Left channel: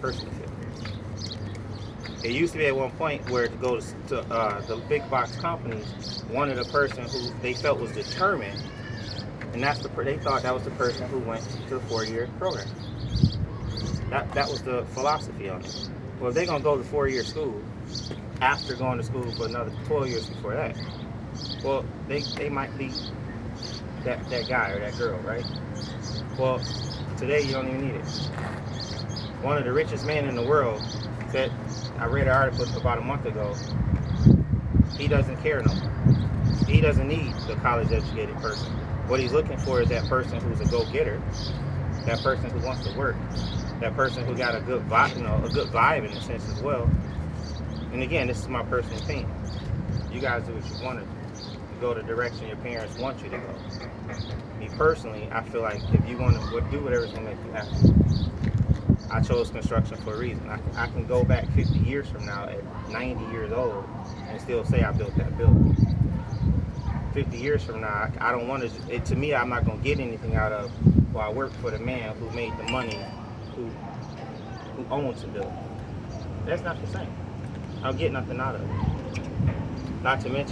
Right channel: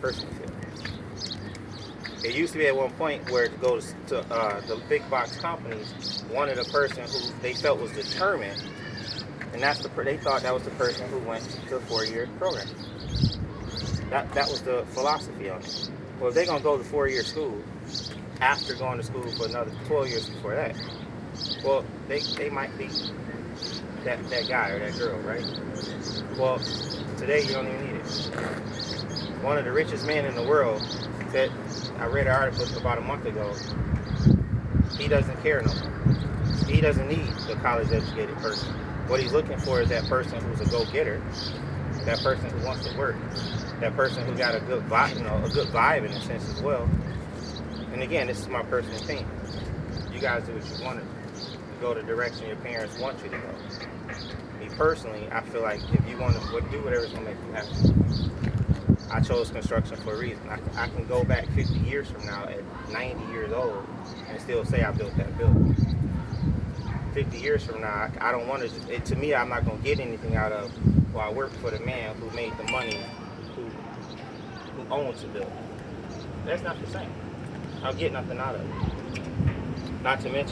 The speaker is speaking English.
personally feel. It used to be at one point where to go to the big box companies wanted a person who they felt was determined, and they thought that was the person who went to the 4-year program. That was the philosophy on it. Well, if they're gonna go to 4-year school after going to school for another 12 years before that, well, they might be that guy or that girl, right? Well, today you don't even need it. One of the richest men in the world said, I read an article about a month ago, he doesn't care no more. He doesn't need the college-educated person. What he's looking for is that person who's a go-getter, that person who wants to work, that person who got a good vibe, a good vibe in a sense as well. And again, this is my personal opinion. You guys do what you want to do. You go the direction your parents want you to go. Me personally, I feel like if you want to do whatever's going to make you happy. I chose construction for a reason. I can go back 50 years from now at 90 years old and still say I built that building. 50 years from now, I don't want to, to me, I'm not going to get anything out of, well, I work for the man who made the money, who owns the building. That's not the same. I'll get nothing out of it. Not to mention,